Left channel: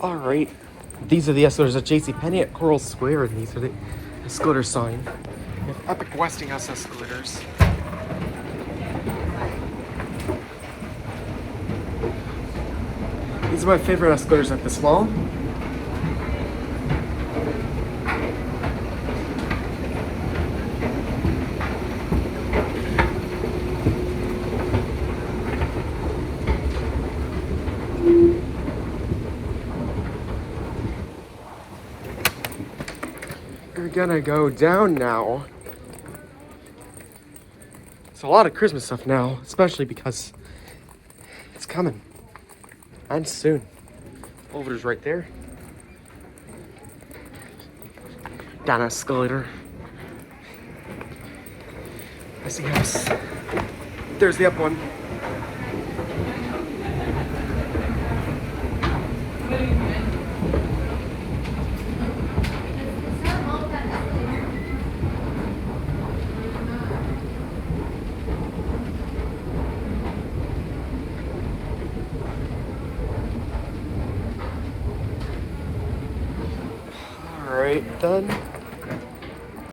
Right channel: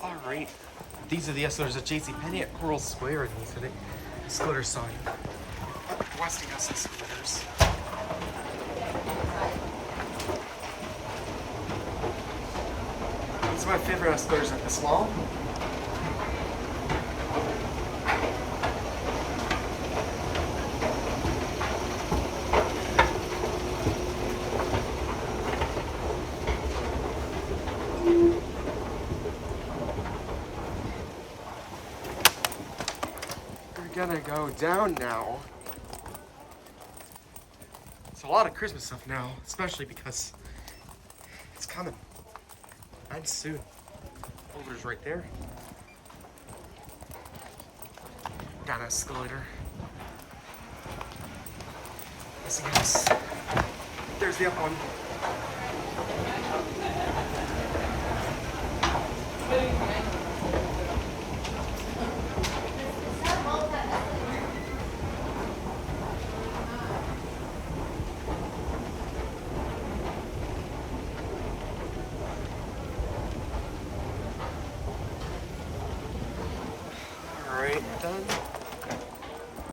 Alright, these are the escalators at JCPenney at Coral Square, and these are the escalator sign. We have epic Westinghouse escalators. These are my favorite escalators at this mall. We're gonna go down now. It's a lot of Christmas stuff now, especially because it's coming. And soon. Elevator's right there. Down escalator. Westinghouse. There's the up one. Alright, done.